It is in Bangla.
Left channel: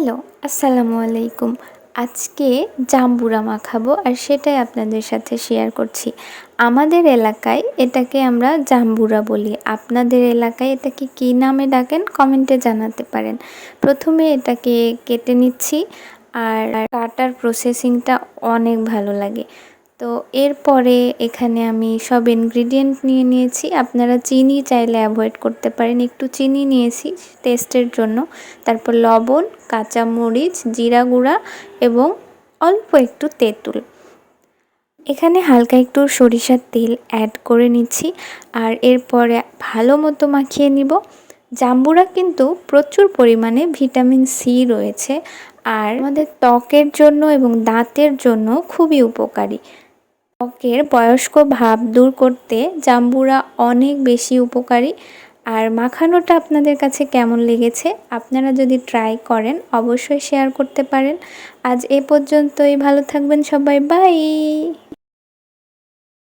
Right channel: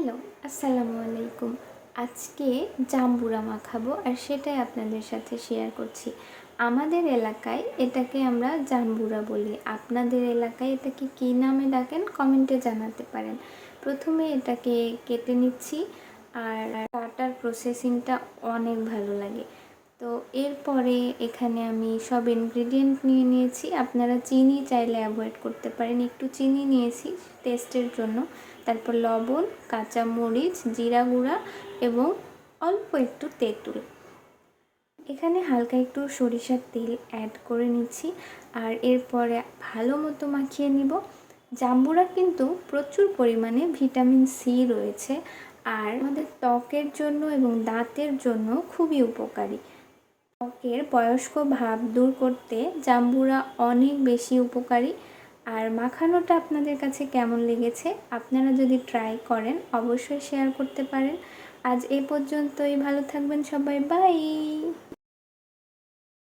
হ্যালো, আসসালামু আলাইকুম। আজকে জাম্বুরা মাখাবো আর সেটাই আপনাদের সাথে শেয়ার করছি। আমাদের এলাকায় এটাকে আমরা জাম্বুরা বলি। আপনাদের এলাকায় এটাকে কী নামে ডাকেন? কমেন্টে জানাতে পারেন। প্রথমে এটাকে কেটে নিচ্ছি আর কাটার প্রসেসিংটা অনেক ভালো লাগে। তো এরপরে এখানে আমি সব ইনগ্রিডিয়েন্ট নিয়ে নিয়েছি। আপনারা চিনি চাইলে অ্যাভয়েড করতে পারেন। একটু চিনি নিয়েছি টেস্টের জন্য। তারপর লবণ কাঁচামরিচ জিরা গুঁড়া এবং অল্প একটু তেঁতুল। এখানে হালকা একটু সরিষার তেল অ্যাড করে নিচ্ছি। আর এরপরে ভালো মতো মাখিয়ে নিব। জাম্বুরা কিন্তু প্রচুর পরিমাণে ভিটামিন সি রয়েছে। আর আমাদের ত্বকের জন্য এবং দাঁতের জন্য খুবই উপকারী। ত্বকের বয়স্ক ভাব দূর করতে জাম্বুরা অনেক বেশি উপকারী। আর মাখানোটা আপনাদের কাছে কেমন লেগেছে, আপনারা যদি ট্রাই করেন, অবশ্যই শেয়ার করতে পারেন। আজ এ পর্যন্তই, ভালো থাকবেন সবাই বাই